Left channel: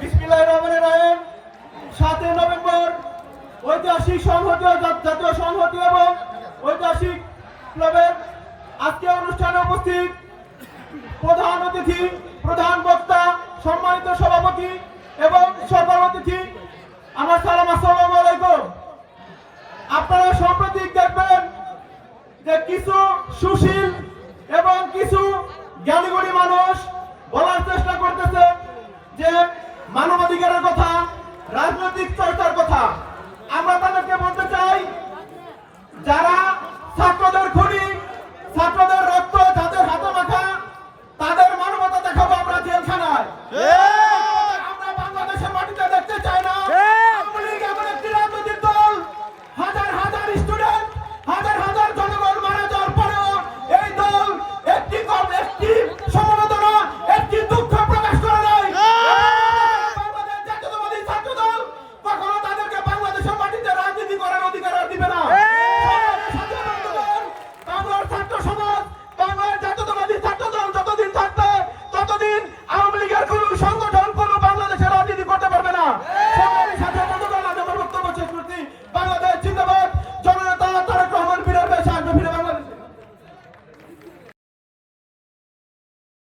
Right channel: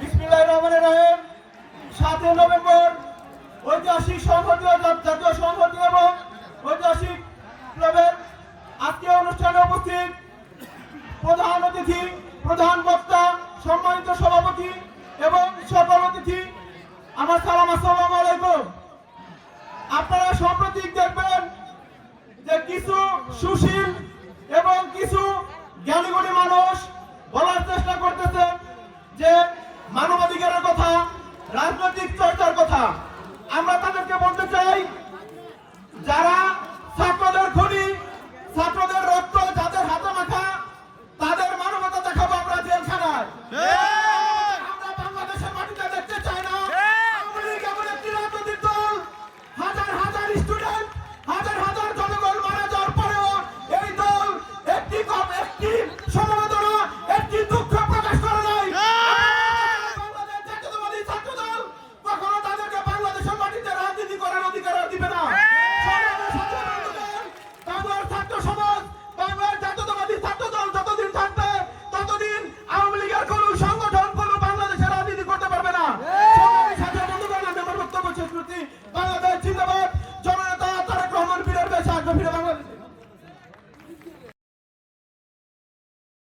বিসমিল্লাহির রহমানির রহিম। 7 নভেম্বর ঐতিহাসিক সংহতি জাতীয় সংহতি এবং ঐতিহাসিক ক্লাবের আজকে অনুষ্ঠানে উপস্থিত প্রধান অতিথি, প্রধান বক্তা, সম্মানিত সভাপতি এবং সকল অতিথি, আমার সালাম, আসসালামু আলাইকুম। আপনারা সাম্প্রতিক দেখবেন যে কিছু সুশীল এবং কিছু জ্ঞানীগুণী মানুষ বলার চেষ্টা করতেছে যে মানবাধিকারের কথা, রাজনৈতিক চর্চার কথা। আমরা তাদেরকে বলতে চাই, যারা ছাত্রদের খুনি, ছাত্রদের রক্ত যাদের হাতে মাখা, তাদের মানবতা দেখাবো আমরা জেলখানায়। আমরা বাংলাদেশের মাটিতে দেখতে চাই না আওয়ামী লীগ এমন একটি রাজনৈতিক দল, হাজার হাজার স্টুডেন্ট, হাজার হাজার জনগণ মারা যাওয়ার পরেও এই দল একটি সমবেদনা, একটি দুঃখ প্রকাশ করে নাই। বাংলাদেশ জাতীয়তাবাদী ছাত্র দল কখনো তাদেরকে বাংলাদেশের মাটিতে রাজনীতি করার অধিকার দিবে না। বাংলার ছাত্র সমাজ, বাংলার জাতীয়তাবাদী ছাত্র দল যতদিন থাকবে ততদিন আওয়ামী লীগের কোন সংগঠন কোন বাংলাদেশের রাজনীতি করতে পারবে না। বাংলাদেশ